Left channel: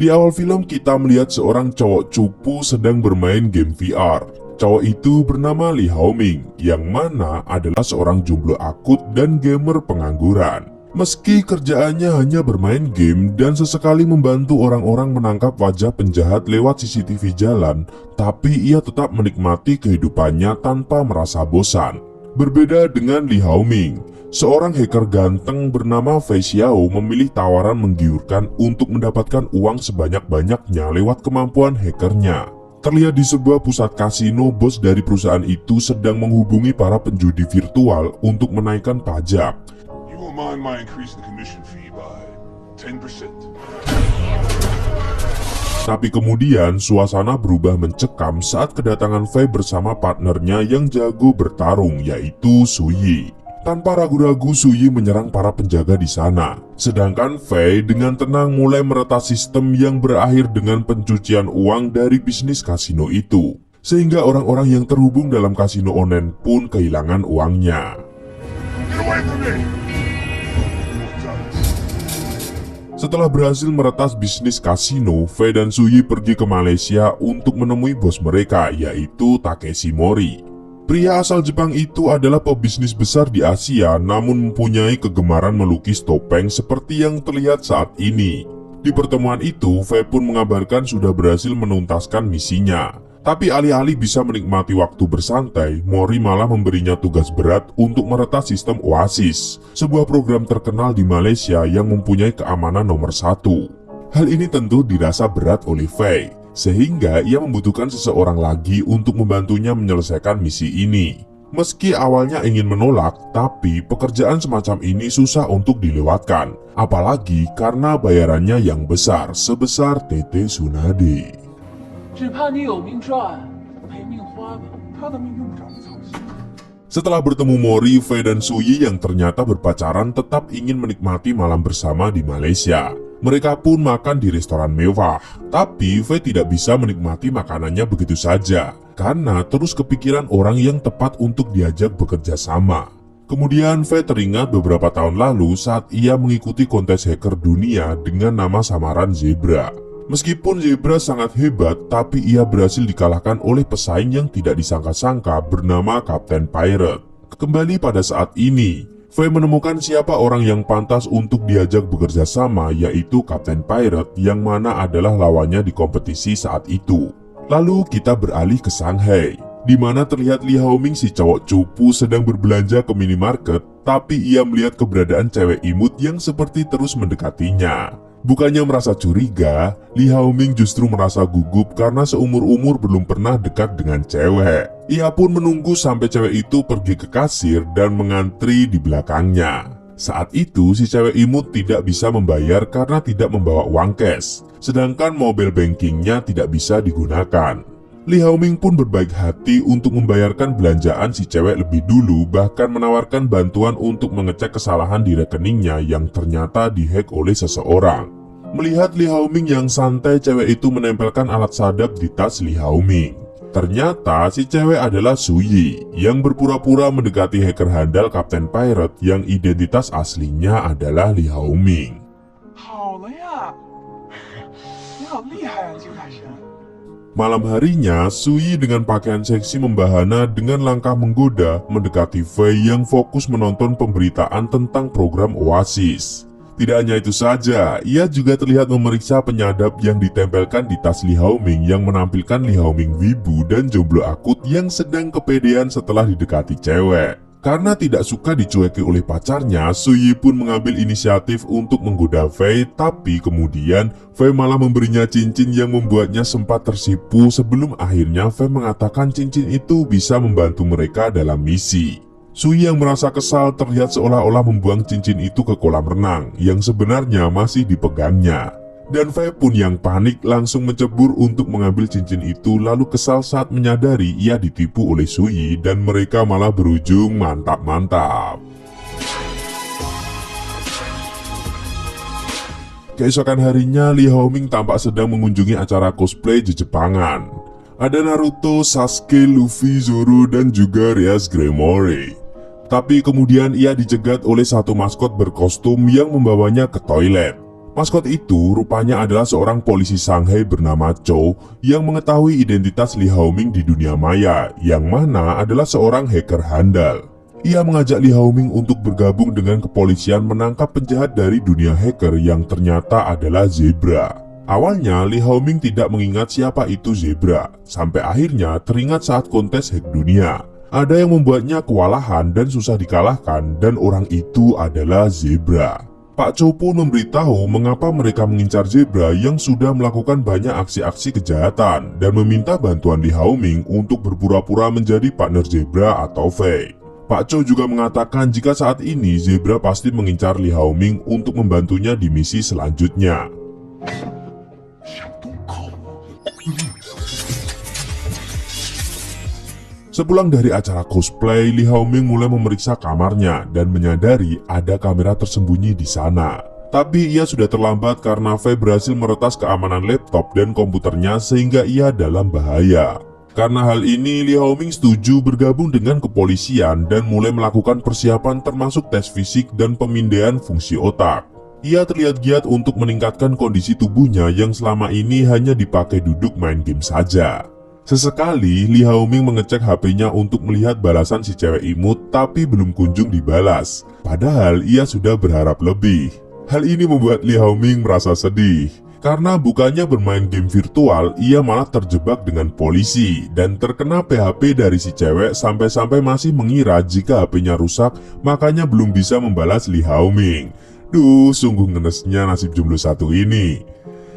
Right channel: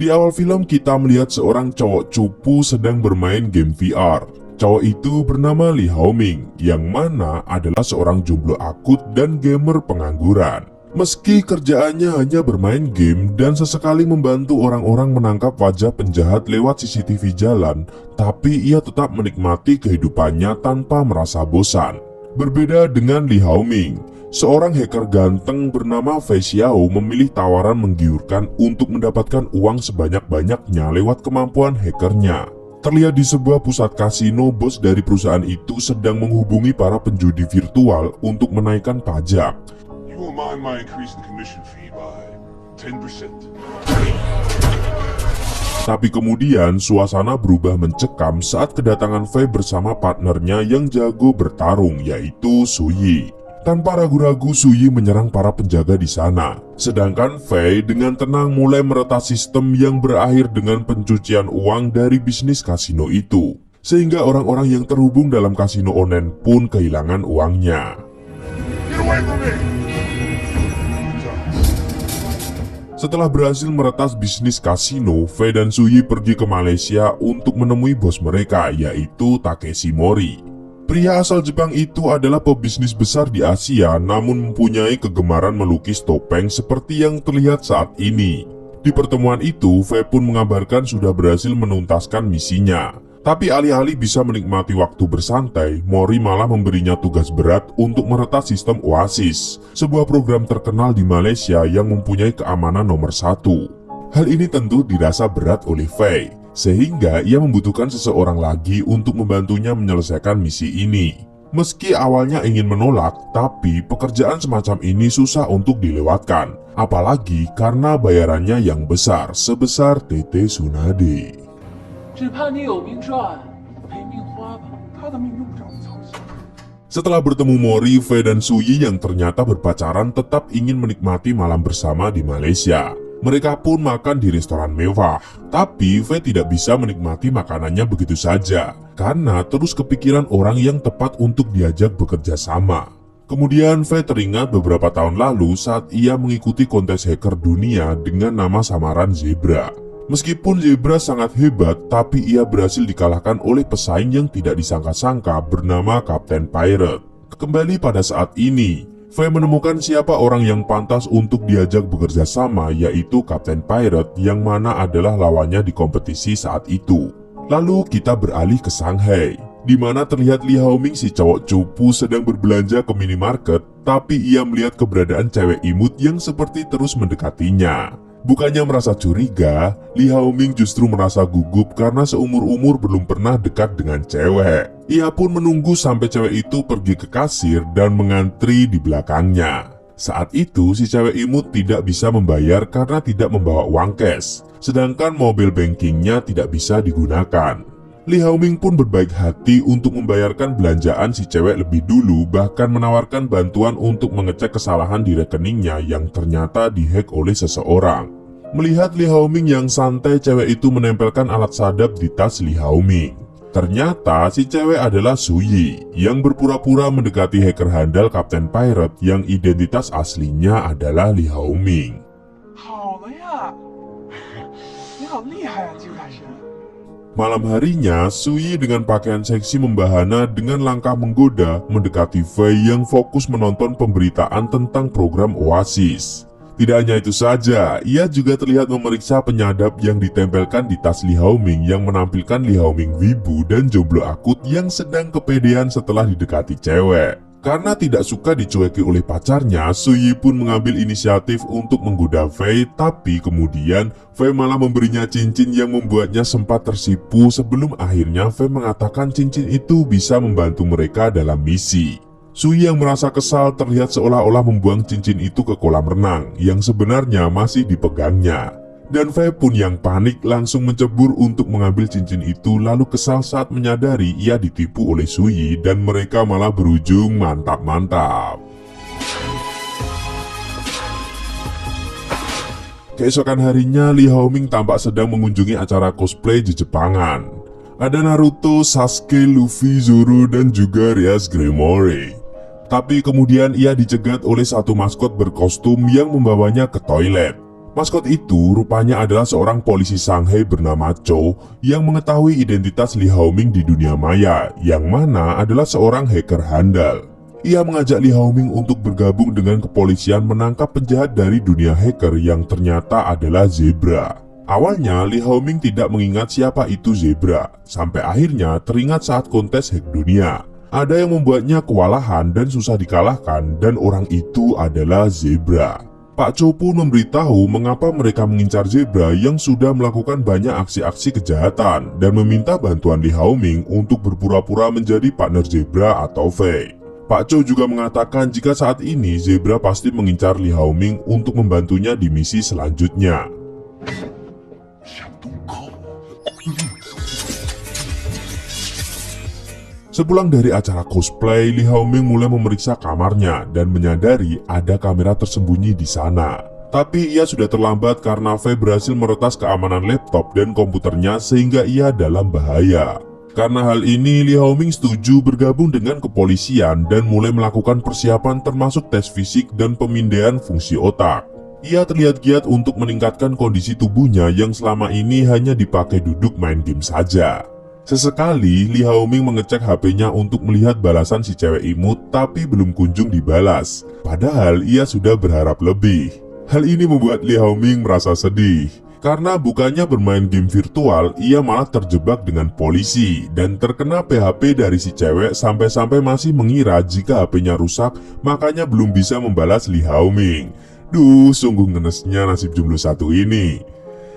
Di awal film kita melihat seorang cowok cupu sedang bermain game VR. Cowok itu bernama Lee Hao-ming, yang mana adalah seorang jomblo akut dan gamer pengangguran. Meski kerjaannya hanya bermain game dan sesekali membantu orang-orang menangkap wajah penjahat lewat CCTV jalan, tapi ia tetap menikmati kehidupannya tanpa merasa bosan. Berbeda dengan Lee Hao-ming, seorang hacker ganteng bernama Fei Xiao memilih tawaran menggiurkan untuk mendapatkan uang sebanyak-banyaknya lewat kemampuan hackernya. Terlihat di sebuah pusat kasino, bos dari perusahaan itu sedang menghubungi para penjudi virtual untuk menaikkan pajak. You won't mind my increase the commission fee by 10%. Tapi kemudian suasana berubah mencekam saat kedatangan Fei bersama partnernya yang jago bertarung, yaitu Suyi. Tanpa ragu-ragu Suyi menyerang para penjaga di sana. Sedangkan Fei dengan tenang mulai meretas sistem yang berakhir dengan pencucian uang dari bisnis kasino itu. Sehingga orang-orang yang terhubung dalam kasino online pun kehilangan uangnya. Get away from me! Setelah berhasil meretas bisnis kasino, Fei dan Suyi pergi ke Malaysia untuk menemui bos mereka, yaitu Takeshi Mori. Pria asal Jepang itu adalah pebisnis besar di Asia, namun mempunyai kegemaran melukis topeng seperti yang terlihat saat ini. Di pertemuan itu, Fei pun mengabarkan sudah berhasil menuntaskan misinya. Tapi alih-alih bisa menikmati waktu bersantai, Mori malah memberinya tugas berat untuk meretas sistem Oasis, sebuah program terkenal di Malaysia yang mempunyai keamanan nomor 1. Hal ini tentu dirasa berat oleh Fei, sehingga ia membutuhkan seseorang lagi untuk membantunya menyelesaikan misi ini. Meski awalnya ingin menolak, tapi pekerjaan semacam ini susah untuk dilewatkan, apalagi karena bayarannya yang besar, sebesar Tete Tsunade. 只怕你有命赚，没命花吧。他的命用不着你操心。 Setelah bertemu Mori, Fei dan Suyi yang ternyata berpacaran tetap ingin menikmati malam bersama di Malaysia. Mereka pun makan di restoran mewah. Tapi Fei tidak bisa menikmati makanannya begitu saja, karena terus kepikiran orang yang tepat untuk diajak bekerja sama. Kemudian Fei teringat beberapa tahun lalu saat ia mengikuti kontes hacker dunia dengan nama samaran Zebra. Meskipun Zebra sangat hebat, tapi ia berhasil dikalahkan oleh pesaing yang tidak disangka-sangka bernama Kapten Pirate. Kembali pada saat ini, Fei menemukan siapa orang yang pantas untuk diajak bekerja sama, yaitu Kapten Pirate yang mana adalah lawannya di kompetisi saat itu. Lalu kita beralih ke Shanghai, di mana terlihat Lee Hao-ming si cowok cupu sedang berbelanja ke minimarket, tapi ia melihat keberadaan cewek imut yang seperti terus mendekatinya. Bukannya merasa curiga, Lee Hao-ming justru merasa gugup karena seumur-umur belum pernah dekat dengan cewek. Ia pun menunggu sampai cewek itu pergi ke kasir dan mengantri di belakangnya. Saat itu si cewek imut tidak bisa membayar karena tidak membawa uang cash, sedangkan mobile bankingnya tidak bisa digunakan. Lee Hao-ming pun berbaik hati untuk membayarkan belanjaan si cewek lebih dulu, bahkan menawarkan bantuan untuk mengecek kesalahan di rekeningnya yang ternyata dihack oleh seseorang. Melihat Lee Hao-ming yang santai, cewek itu menempelkan alat sadap di tas Lee Hao-ming. Ternyata si cewek adalah Suyi yang berpura-pura mendekati hacker handal Kapten Pirate yang identitas aslinya adalah Lee Hao-ming. 好了呀，你好厉害啊，金凯神。 Malam harinya, Suyi dengan pakaian seksi membahana dengan langkah menggoda mendekati Fei yang fokus menonton pemberitaan tentang program Oasis. Tidak hanya itu saja, ia juga terlihat memeriksa penyadap yang ditempelkan di tas Lee Hao-ming yang menampilkan Lee Hao-ming wibu dan jomblo akut yang sedang kepedean setelah didekati cewek. Karena tidak suka dicueki oleh pacarnya, Suyi pun mengambil inisiatif untuk menggoda Fei, tapi kemudian Fei malah memberinya cincin yang membuatnya sempat tersipu sebelum akhirnya Fei mengatakan cincin itu bisa membantu mereka dalam misi. Suyi yang merasa kesal terlihat seolah-olah membuang cincin itu ke kolam renang yang sebenarnya masih dipegangnya. Dan Fei pun yang panik langsung mencebur untuk mengambil cincin itu, lalu kesal saat menyadari ia ditipu oleh Suyi dan mereka malah berujung mantap-mantap. Keesokan harinya, Lee Hao-ming tampak sedang mengunjungi acara cosplay Jepangan. Ada Naruto, Sasuke, Luffy, Zoro, dan juga Rias Gremory. Tapi kemudian ia dicegat oleh satu maskot berkostum yang membawanya ke toilet. Maskot itu rupanya adalah seorang polisi Shanghai bernama Chow yang mengetahui identitas Li Haoming di dunia maya, yang mana adalah seorang hacker handal. Ia mengajak Li Haoming untuk bergabung dengan kepolisian menangkap penjahat dari dunia hacker yang ternyata adalah Zebra. Awalnya Li Haoming tidak mengingat siapa itu Zebra, sampai akhirnya teringat saat kontes hack dunia. Ada yang membuatnya kewalahan dan susah dikalahkan, dan orang itu adalah Zebra. Pak Chow pun memberitahu mengapa mereka mengincar Zebra yang sudah melakukan banyak aksi-aksi kejahatan dan meminta bantuan Li Haoming untuk berpura-pura menjadi partner Zebra atau Fei. Pak Chow juga mengatakan jika saat ini Zebra pasti mengincar Li Haoming untuk membantunya di misi selanjutnya. Sepulang dari acara cosplay, Li Haoming mulai memeriksa kamarnya dan menyadari ada kamera tersembunyi di sana. Tapi ia sudah terlambat karena Fei berhasil meretas keamanan laptop dan komputernya sehingga ia dalam bahaya. Karena hal ini, Li Haoming setuju bergabung dengan kepolisian dan mulai melakukan persiapan termasuk tes fisik dan pemindaian fungsi otak. Ia terlihat giat untuk meningkatkan kondisi tubuhnya yang selama ini hanya dipakai duduk main game saja. Sesekali, Li Haoming mengecek HP-nya untuk melihat balasan si cewek imut, tapi belum kunjung dibalas. Padahal ia sudah berharap lebih. Hal ini membuat Li Haoming merasa sedih. Karena bukannya bermain game virtual, ia malah terjebak dengan polisi dan terkena PHP dari si cewek sampai-sampai masih mengira jika HP-nya rusak, makanya belum bisa membalas Li Haoming. Duh, sungguh ngenesnya nasib jomblo satu ini.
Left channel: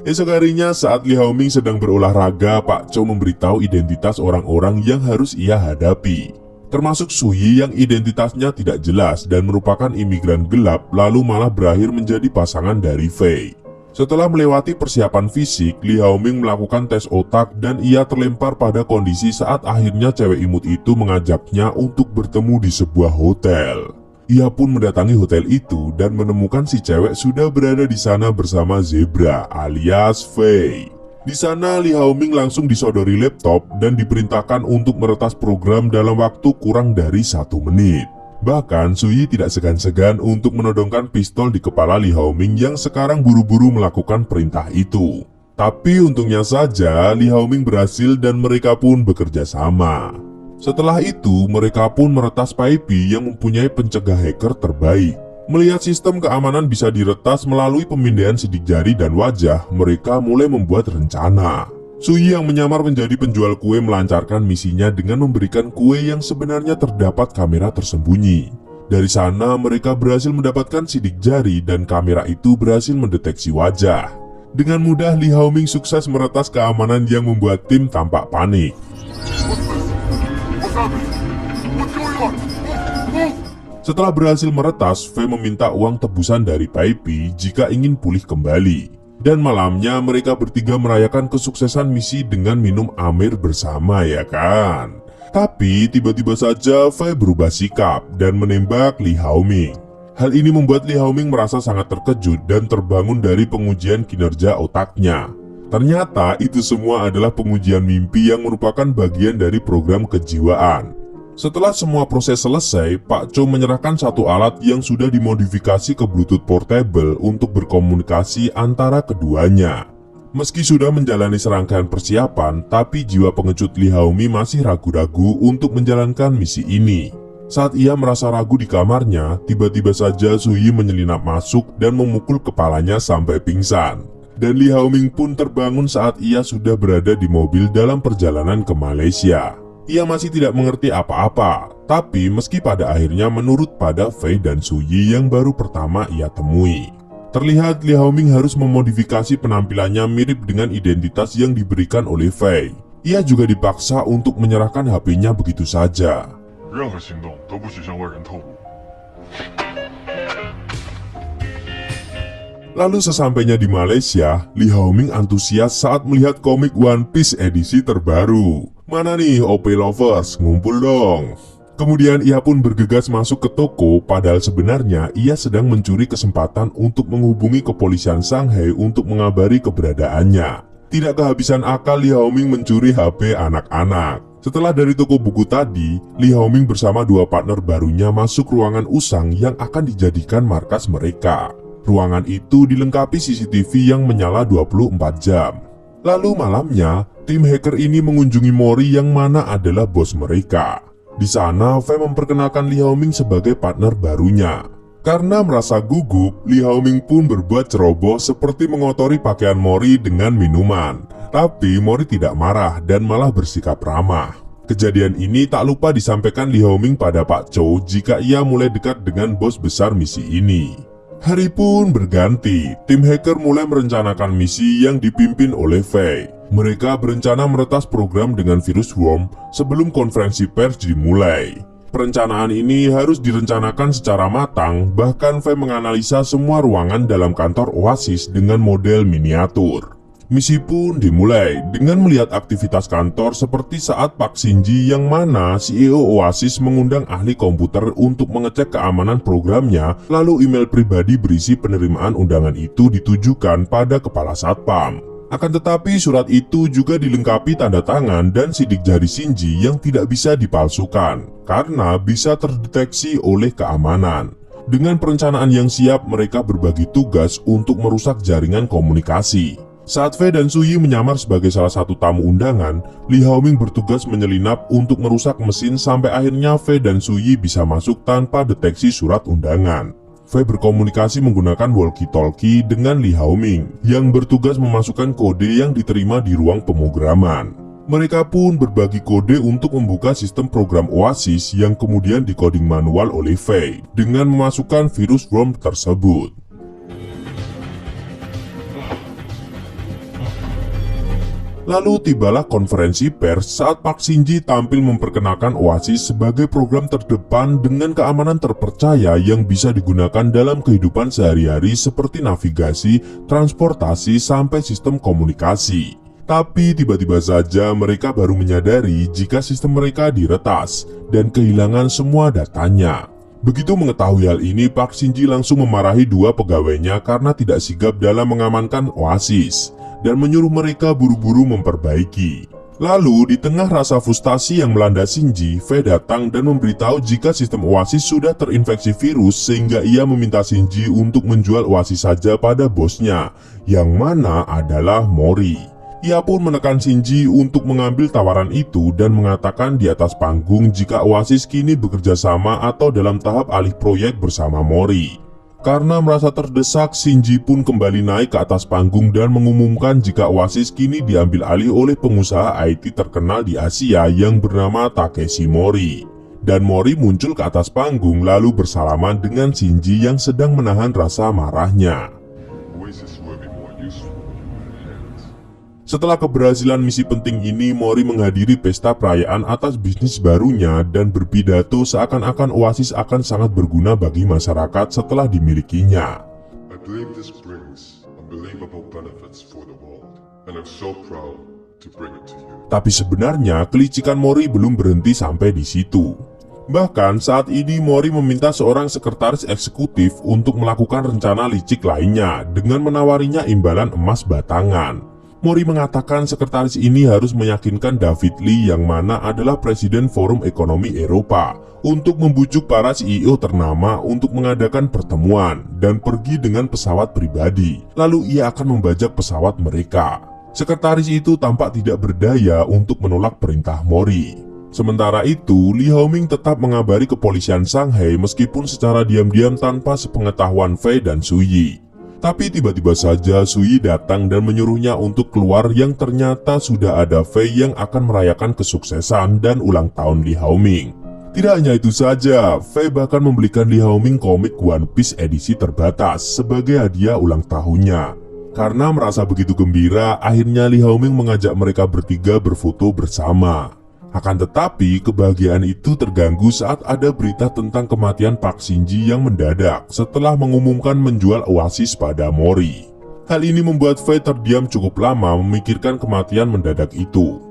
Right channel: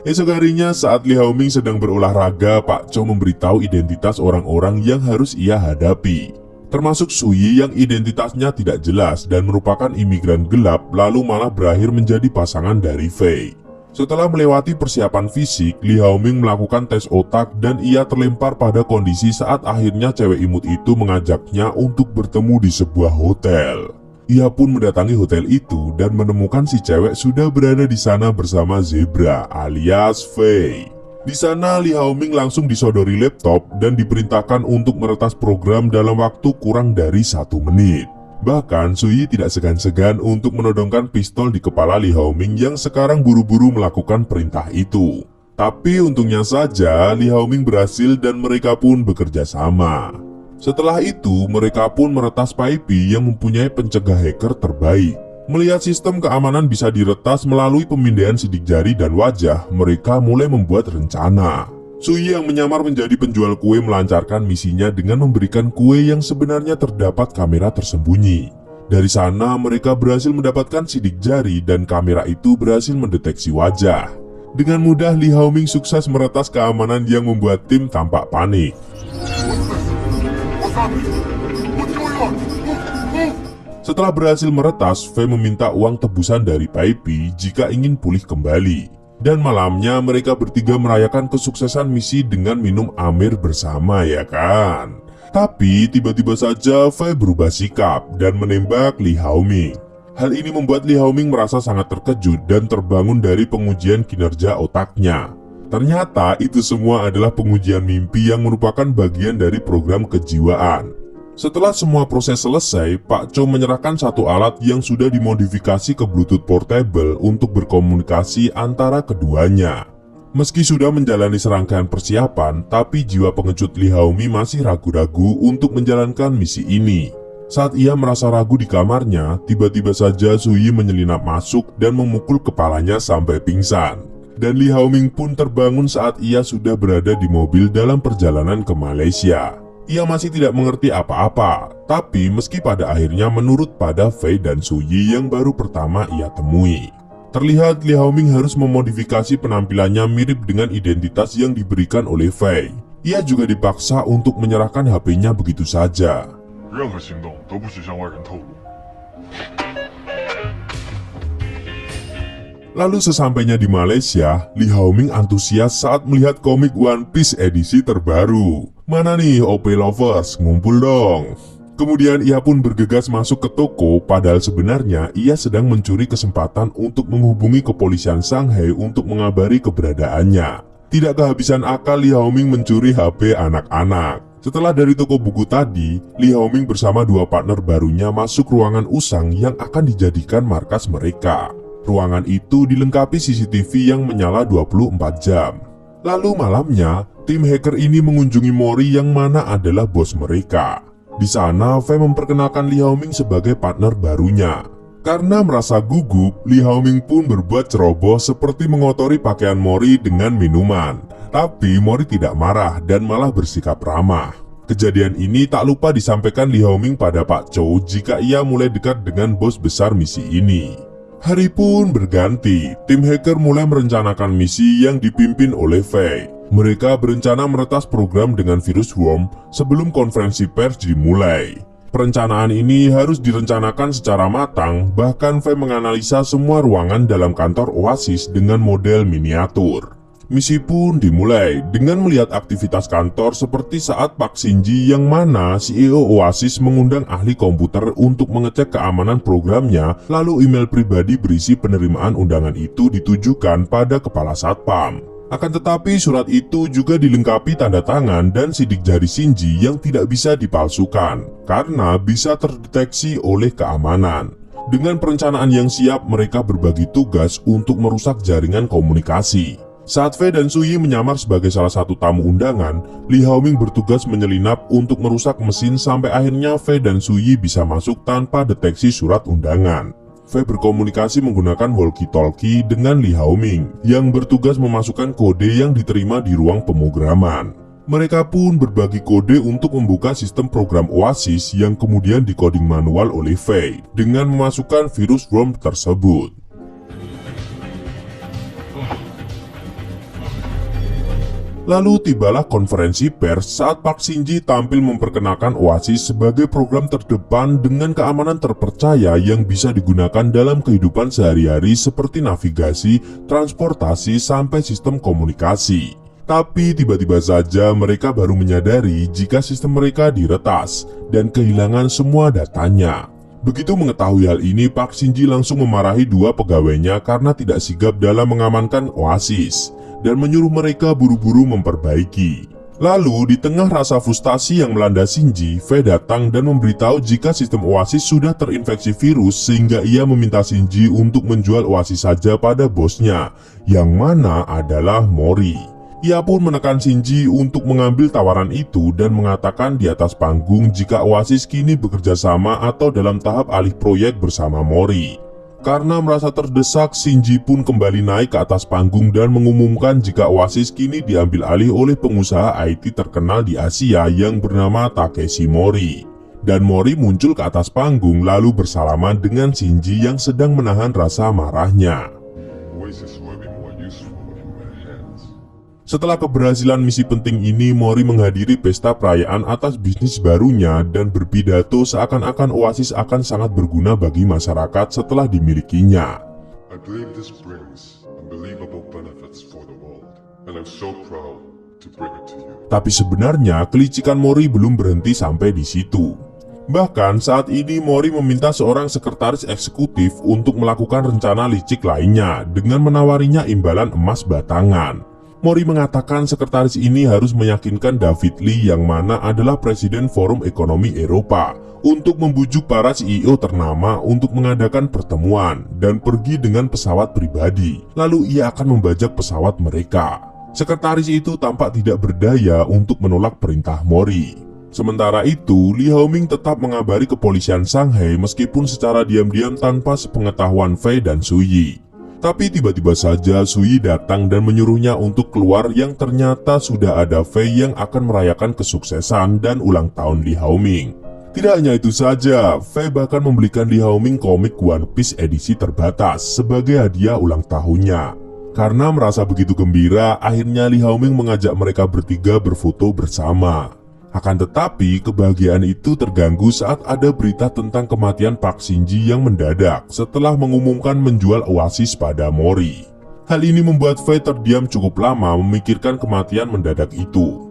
Esok harinya saat Li Haoming sedang berolahraga, Pak Chow memberitahu identitas orang-orang yang harus ia hadapi. Termasuk Suyi yang identitasnya tidak jelas dan merupakan imigran gelap lalu malah berakhir menjadi pasangan dari Fei. Setelah melewati persiapan fisik, Li Haoming melakukan tes otak dan ia terlempar pada kondisi saat akhirnya cewek imut itu mengajaknya untuk bertemu di sebuah hotel. Ia pun mendatangi hotel itu dan menemukan si cewek sudah berada di sana bersama Zebra alias Fei. Di sana Li Haoming langsung disodori laptop dan diperintahkan untuk meretas program dalam waktu kurang dari 1 menit. Bahkan Suyi tidak segan-segan untuk menodongkan pistol di kepala Li Haoming yang sekarang buru-buru melakukan perintah itu. Tapi untungnya saja Li Haoming berhasil dan mereka pun bekerja sama. Setelah itu, mereka pun meretas Paipi yang mempunyai pencegah hacker terbaik. Melihat sistem keamanan bisa diretas melalui pemindaian sidik jari dan wajah, mereka mulai membuat rencana. Suyi yang menyamar menjadi penjual kue melancarkan misinya dengan memberikan kue yang sebenarnya terdapat kamera tersembunyi. Dari sana, mereka berhasil mendapatkan sidik jari dan kamera itu berhasil mendeteksi wajah. Dengan mudah, Li Haoming sukses meretas keamanan yang membuat tim tampak panik. Setelah berhasil meretas, Fei meminta uang tebusan dari Paipi jika ingin pulih kembali. Dan malamnya mereka bertiga merayakan kesuksesan misi dengan minum Amir bersama, ya kan? Tapi tiba-tiba saja Fei berubah sikap dan menembak Li Haoming. Hal ini membuat Li Haoming merasa sangat terkejut dan terbangun dari pengujian kinerja otaknya. Ternyata itu semua adalah pengujian mimpi yang merupakan bagian dari program kejiwaan. Setelah semua proses selesai, Pak Chow menyerahkan satu alat yang sudah dimodifikasi ke Bluetooth portable untuk berkomunikasi antara keduanya. Meski sudah menjalani serangkaian persiapan, tapi jiwa pengecut Li Haoming masih ragu-ragu untuk menjalankan misi ini. Saat ia merasa ragu di kamarnya, tiba-tiba saja Suyi menyelinap masuk dan memukul kepalanya sampai pingsan. Dan Li Haoming pun terbangun saat ia sudah berada di mobil dalam perjalanan ke Malaysia. Ia masih tidak mengerti apa-apa, tapi meski pada akhirnya menurut pada Fei dan Suyi yang baru pertama ia temui. Terlihat Li Haoming harus memodifikasi penampilannya mirip dengan identitas yang diberikan oleh Fei. Ia juga dipaksa untuk menyerahkan HP-nya begitu saja. 任何行动都不许向外人透露。 Lalu sesampainya di Malaysia, Li Haoming antusias saat melihat komik One Piece edisi terbaru. Mana nih OP Lovers, ngumpul dong. Kemudian ia pun bergegas masuk ke toko, padahal sebenarnya ia sedang mencuri kesempatan untuk menghubungi kepolisian Shanghai untuk mengabari keberadaannya. Tidak kehabisan akal Li Haoming mencuri HP anak-anak. Setelah dari toko buku tadi, Li Haoming bersama dua partner barunya masuk ruangan usang yang akan dijadikan markas mereka. Ruangan itu dilengkapi CCTV yang menyala 24 jam. Lalu malamnya, tim hacker ini mengunjungi Mori yang mana adalah bos mereka. Di sana, Fei memperkenalkan Li Haoming sebagai partner barunya. Karena merasa gugup, Li Haoming pun berbuat ceroboh seperti mengotori pakaian Mori dengan minuman. Tapi Mori tidak marah dan malah bersikap ramah. Kejadian ini tak lupa disampaikan Li Haoming pada Pak Chow jika ia mulai dekat dengan bos besar misi ini. Hari pun berganti, tim hacker mulai merencanakan misi yang dipimpin oleh Fei. Mereka berencana meretas program dengan virus worm sebelum konferensi pers dimulai. Perencanaan ini harus direncanakan secara matang, bahkan Fei menganalisa semua ruangan dalam kantor Oasis dengan model miniatur. Misi pun dimulai dengan melihat aktivitas kantor seperti saat Pak Shinji yang mana CEO Oasis mengundang ahli komputer untuk mengecek keamanan programnya, lalu email pribadi berisi penerimaan undangan itu ditujukan pada kepala satpam. Akan tetapi surat itu juga dilengkapi tanda tangan dan sidik jari Shinji yang tidak bisa dipalsukan karena bisa terdeteksi oleh keamanan. Dengan perencanaan yang siap, mereka berbagi tugas untuk merusak jaringan komunikasi. Saat Fei dan Suyi menyamar sebagai salah satu tamu undangan, Li Haoming bertugas menyelinap untuk merusak mesin sampai akhirnya Fei dan Suyi bisa masuk tanpa deteksi surat undangan. Fei berkomunikasi menggunakan walkie-talkie dengan Li Haoming yang bertugas memasukkan kode yang diterima di ruang pemrograman. Mereka pun berbagi kode untuk membuka sistem program Oasis yang kemudian dikoding manual oleh Fei dengan memasukkan virus worm tersebut. Lalu tibalah konferensi pers saat Pak Shinji tampil memperkenalkan Oasis sebagai program terdepan dengan keamanan terpercaya yang bisa digunakan dalam kehidupan sehari-hari seperti navigasi, transportasi, sampai sistem komunikasi. Tapi tiba-tiba saja mereka baru menyadari jika sistem mereka diretas dan kehilangan semua datanya. Begitu mengetahui hal ini, Pak Shinji langsung memarahi dua pegawainya karena tidak sigap dalam mengamankan Oasis dan menyuruh mereka buru-buru memperbaiki. Lalu di tengah rasa frustasi yang melanda Shinji, Fei datang dan memberitahu jika sistem Oasis sudah terinfeksi virus sehingga ia meminta Shinji untuk menjual Oasis saja pada bosnya, yang mana adalah Mori. Ia pun menekan Shinji untuk mengambil tawaran itu dan mengatakan di atas panggung jika Oasis kini bekerja sama atau dalam tahap alih proyek bersama Mori. Karena merasa terdesak, Shinji pun kembali naik ke atas panggung dan mengumumkan jika Oasis kini diambil alih oleh pengusaha IT terkenal di Asia yang bernama Takeshi Mori. Dan Mori muncul ke atas panggung lalu bersalaman dengan Shinji yang sedang menahan rasa marahnya. Oasis will be more useful in your hands. Setelah keberhasilan misi penting ini, Mori menghadiri pesta perayaan atas bisnis barunya dan berpidato seakan-akan Oasis akan sangat berguna bagi masyarakat setelah dimilikinya. I believe this brings unbelievable benefits for the world, and I'm so proud to bring it to you. Tapi sebenarnya kelicikan Mori belum berhenti sampai di situ. Bahkan saat ini Mori meminta seorang sekretaris eksekutif untuk melakukan rencana licik lainnya dengan menawarinya imbalan emas batangan. Mori mengatakan sekretaris ini harus meyakinkan David Lee yang mana adalah Presiden Forum Ekonomi Eropa untuk membujuk para CEO ternama untuk mengadakan pertemuan dan pergi dengan pesawat pribadi. Lalu ia akan membajak pesawat mereka. Sekretaris itu tampak tidak berdaya untuk menolak perintah Mori. Sementara itu, Li Haoming tetap mengabari kepolisian Shanghai meskipun secara diam-diam tanpa sepengetahuan Fei dan Suyi. Tapi tiba-tiba saja Suyi datang dan menyuruhnya untuk keluar yang ternyata sudah ada Fei yang akan merayakan kesuksesan dan ulang tahun Li Haoming. Tidak hanya itu saja, Fei bahkan membelikan Li Haoming komik One Piece edisi terbatas sebagai hadiah ulang tahunnya. Karena merasa begitu gembira, akhirnya Li Haoming mengajak mereka bertiga berfoto bersama. Akan tetapi, kebahagiaan itu terganggu saat ada berita tentang kematian Pak Shinji yang mendadak setelah mengumumkan menjual Oasis pada Mori. Hal ini membuat Fei terdiam cukup lama memikirkan kematian mendadak itu.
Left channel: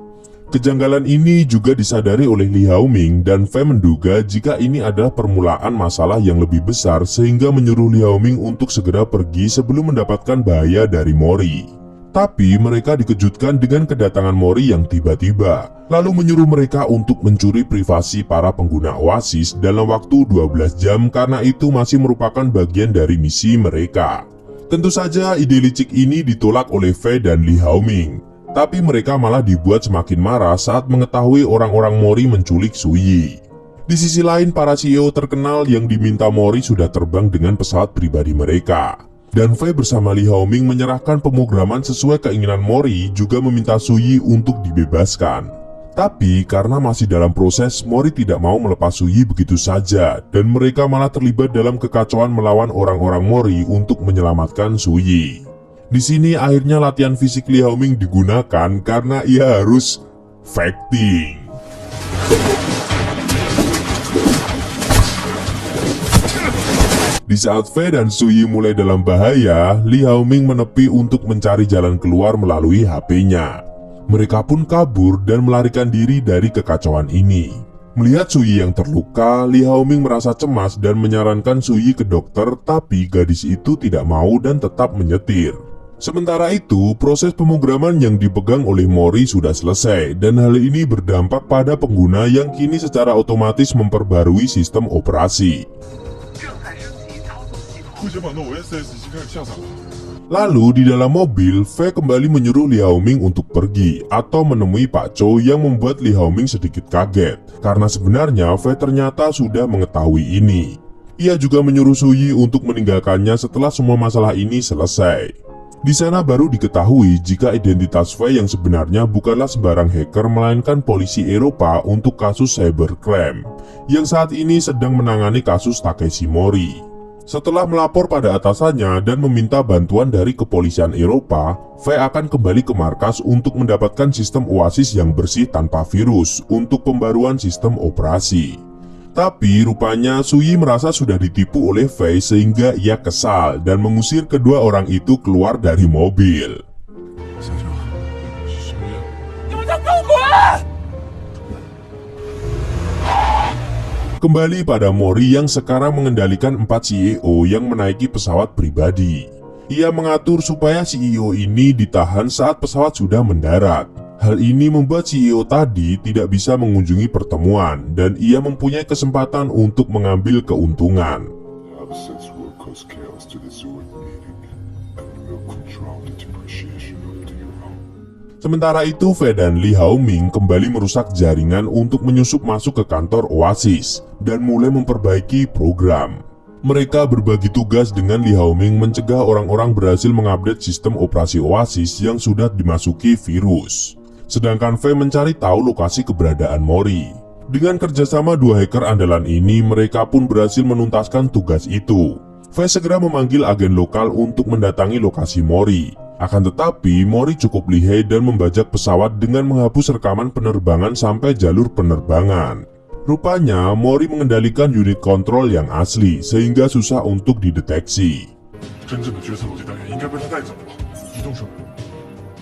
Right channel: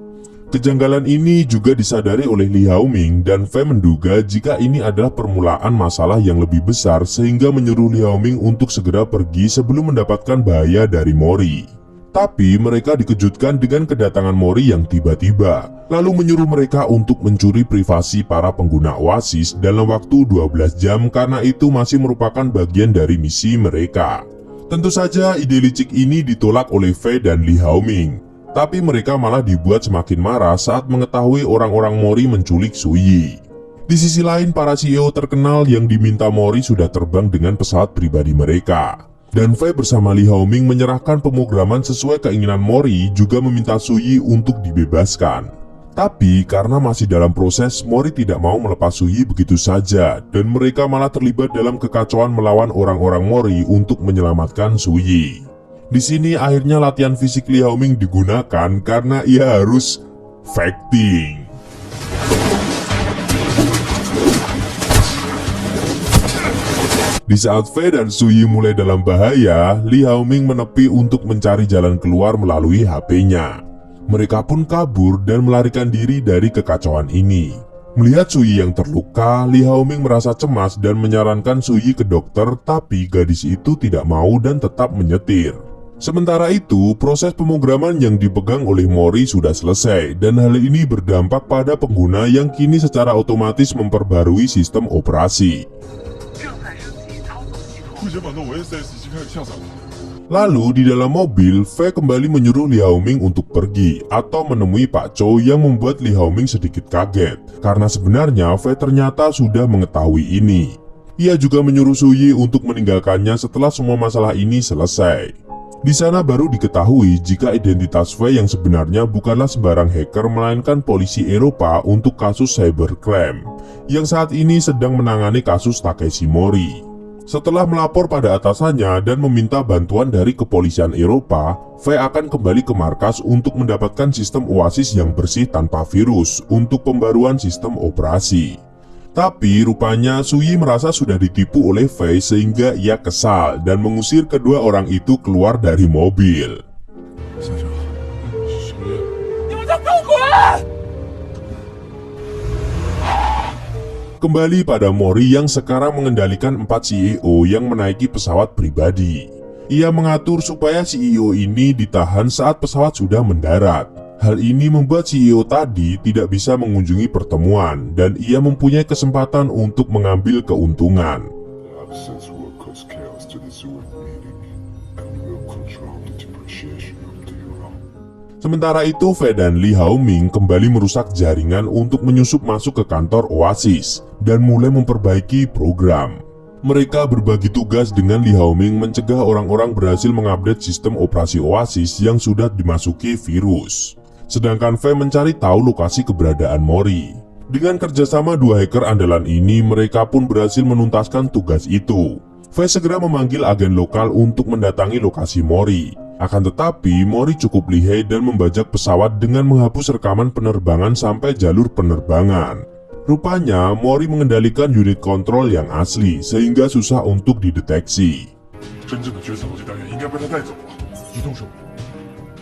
Kejanggalan ini juga disadari oleh Li Haoming dan Fei menduga jika ini adalah permulaan masalah yang lebih besar sehingga menyuruh Li Haoming untuk segera pergi sebelum mendapatkan bahaya dari Mori. Tapi mereka dikejutkan dengan kedatangan Mori yang tiba-tiba, lalu menyuruh mereka untuk mencuri privasi para pengguna Oasis dalam waktu 12 jam karena itu masih merupakan bagian dari misi mereka. Tentu saja ide licik ini ditolak oleh Fei dan Li Haoming, tapi mereka malah dibuat semakin marah saat mengetahui orang-orang Mori menculik Suyi. Di sisi lain, para CEO terkenal yang diminta Mori sudah terbang dengan pesawat pribadi mereka. Dan Fei bersama Li Haoming menyerahkan pemrograman sesuai keinginan Mori, juga meminta Suyi untuk dibebaskan. Tapi karena masih dalam proses, Mori tidak mau melepas Suyi begitu saja, dan mereka malah terlibat dalam kekacauan melawan orang-orang Mori untuk menyelamatkan Suyi. Di sini akhirnya latihan fisik Li Haoming digunakan karena ia harus fighting. Di saat Fei dan Suyi mulai dalam bahaya, Li Haoming menepi untuk mencari jalan keluar melalui HP-nya. Mereka pun kabur dan melarikan diri dari kekacauan ini. Melihat Suyi yang terluka, Li Haoming merasa cemas dan menyarankan Suyi ke dokter, tapi gadis itu tidak mau dan tetap menyetir. Sementara itu, proses pemrograman yang dipegang oleh Mori sudah selesai, dan hal ini berdampak pada pengguna yang kini secara otomatis memperbarui sistem operasi. Lalu di dalam mobil, Fei kembali menyuruh Li Haoming untuk pergi atau menemui Pak Cho, yang membuat Li Haoming sedikit kaget karena sebenarnya Fei ternyata sudah mengetahui ini. Ia juga menyuruh Suyi untuk meninggalkannya setelah semua masalah ini selesai. Di sana baru diketahui jika identitas Fei yang sebenarnya bukanlah sembarang hacker, melainkan polisi Eropa untuk kasus cybercrime yang saat ini sedang menangani kasus Takeshi Mori. Setelah melapor pada atasannya dan meminta bantuan dari kepolisian Eropa, Fei akan kembali ke markas untuk mendapatkan sistem Oasis yang bersih tanpa virus untuk pembaruan sistem operasi. Tapi rupanya Suyi merasa sudah ditipu oleh Fei sehingga ia kesal dan mengusir kedua orang itu keluar dari mobil. Kembali pada Mori yang sekarang mengendalikan 4 CEO yang menaiki pesawat pribadi. Ia mengatur supaya CEO ini ditahan saat pesawat sudah mendarat. Hal ini membuat CEO tadi tidak bisa mengunjungi pertemuan dan ia mempunyai kesempatan untuk mengambil keuntungan. The absence will cause chaos to the Zurich meeting, and will control the depreciation of the euro. Sementara itu, Fei dan Li Haoming kembali merusak jaringan untuk menyusup masuk ke kantor Oasis dan mulai memperbaiki program. Mereka berbagi tugas dengan Li Haoming mencegah orang-orang berhasil mengupdate sistem operasi Oasis yang sudah dimasuki virus. Sedangkan Fei mencari tahu lokasi keberadaan Mori. Dengan kerjasama dua hacker andalan ini, mereka pun berhasil menuntaskan tugas itu. Fei segera memanggil agen lokal untuk mendatangi lokasi Mori. Akan tetapi, Mori cukup lihai dan membajak pesawat dengan menghapus rekaman penerbangan sampai jalur penerbangan. Rupanya, Mori mengendalikan unit kontrol yang asli, sehingga susah untuk dideteksi. 真正的决策逻辑单元应该被他带走了，移动设备。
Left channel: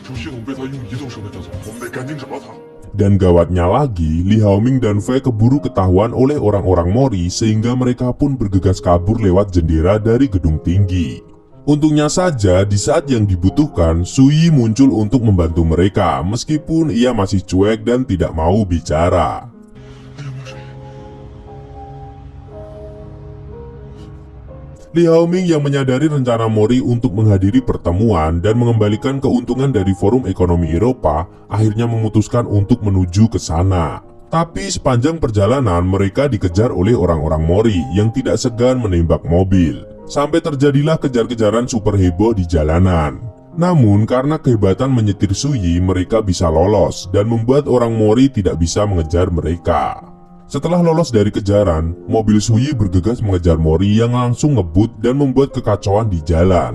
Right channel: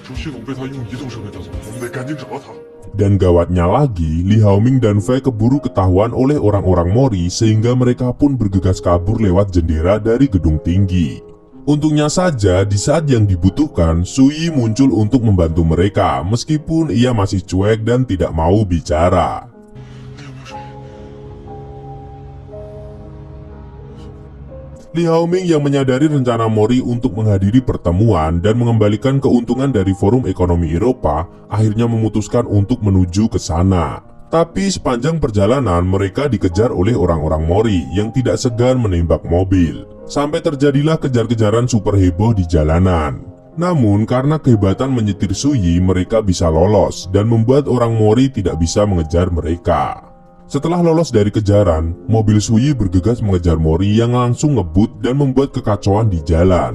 主系统被他用移动设备带走，我们得赶紧找到他。 Dan gawatnya lagi, Li Haoming dan Fei keburu ketahuan oleh orang-orang Mori sehingga mereka pun bergegas kabur lewat jendela dari gedung tinggi. Untungnya saja, di saat yang dibutuhkan, Suyi muncul untuk membantu mereka meskipun ia masih cuek dan tidak mau bicara. Li Haoming yang menyadari rencana Mori untuk menghadiri pertemuan dan mengembalikan keuntungan dari Forum Ekonomi Eropa, akhirnya memutuskan untuk menuju ke sana. Tapi sepanjang perjalanan mereka dikejar oleh orang-orang Mori yang tidak segan menembak mobil. Sampai terjadilah kejar-kejaran super heboh di jalanan. Namun karena kehebatan menyetir Suyi, mereka bisa lolos dan membuat orang Mori tidak bisa mengejar mereka. Setelah lolos dari kejaran, mobil Suyi bergegas mengejar Mori yang langsung ngebut dan membuat kekacauan di jalan.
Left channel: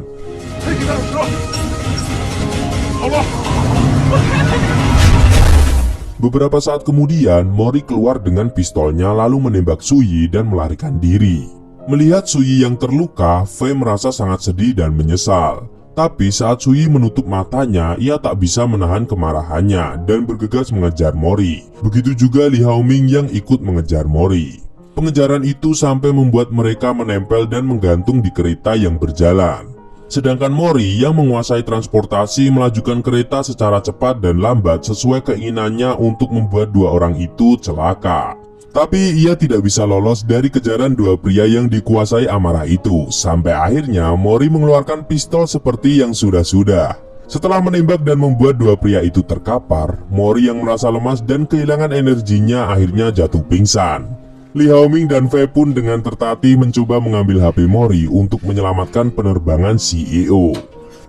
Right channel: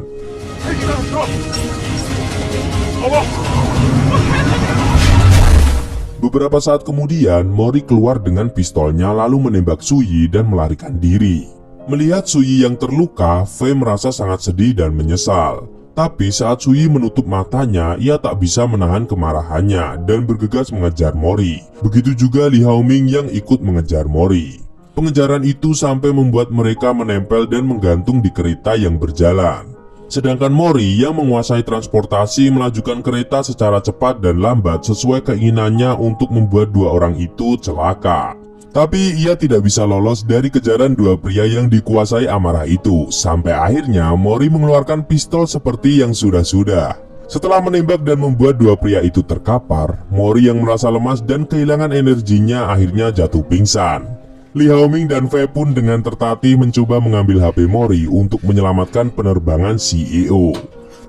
Beberapa saat kemudian, Mori keluar dengan pistolnya lalu menembak Suyi dan melarikan diri. Melihat Suyi yang terluka, Fei merasa sangat sedih dan menyesal. Tapi saat Suyi menutup matanya, ia tak bisa menahan kemarahannya dan bergegas mengejar Mori. Begitu juga Li Haoming yang ikut mengejar Mori. Pengejaran itu sampai membuat mereka menempel dan menggantung di kereta yang berjalan. Sedangkan Mori yang menguasai transportasi melajukan kereta secara cepat dan lambat sesuai keinginannya untuk membuat dua orang itu celaka. Tapi ia tidak bisa lolos dari kejaran dua pria yang dikuasai amarah itu. Sampai akhirnya Mori mengeluarkan pistol seperti yang sudah-sudah. Setelah menembak dan membuat dua pria itu terkapar, Mori yang merasa lemas dan kehilangan energinya akhirnya jatuh pingsan. Lee Hao-ming dan Fei pun dengan tertatih mencoba mengambil HP Mori untuk menyelamatkan penerbangan CEO.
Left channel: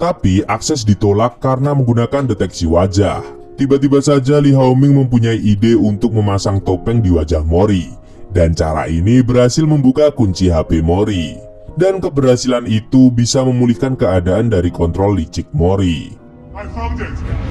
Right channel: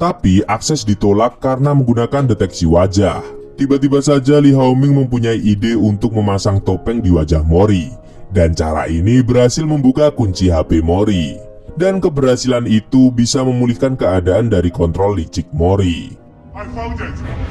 Tapi akses ditolak karena menggunakan deteksi wajah. Tiba-tiba saja Lee Hao-ming mempunyai ide untuk memasang topeng di wajah Mori. Dan cara ini berhasil membuka kunci HP Mori. Dan keberhasilan itu bisa memulihkan keadaan dari kontrol licik Mori. I found it!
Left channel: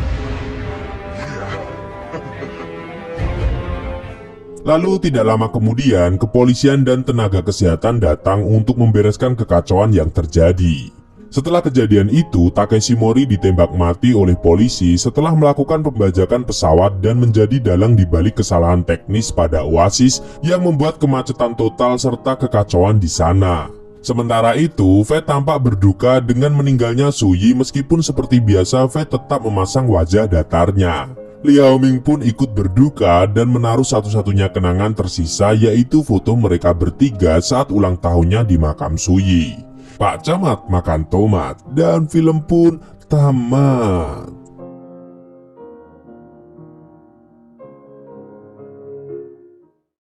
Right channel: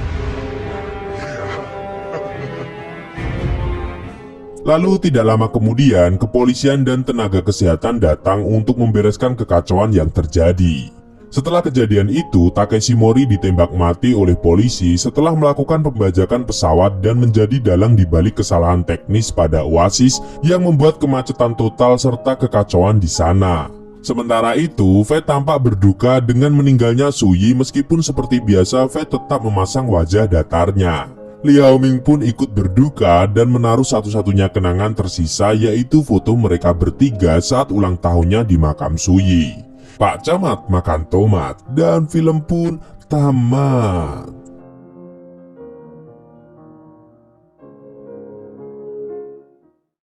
Lalu tidak lama kemudian, kepolisian dan tenaga kesehatan datang untuk membereskan kekacauan yang terjadi. Setelah kejadian itu, Takeshi Mori ditembak mati oleh polisi setelah melakukan pembajakan pesawat dan menjadi dalang di balik kesalahan teknis pada Oasis yang membuat kemacetan total serta kekacauan di sana. Sementara itu, Fei tampak berduka dengan meninggalnya Suyi meskipun seperti biasa Fei tetap memasang wajah datarnya. Lee Hao-ming pun ikut berduka dan menaruh satu-satunya kenangan tersisa yaitu foto mereka bertiga saat ulang tahunnya di makam Suyi. Pak Camat makan tomat dan film pun tamat.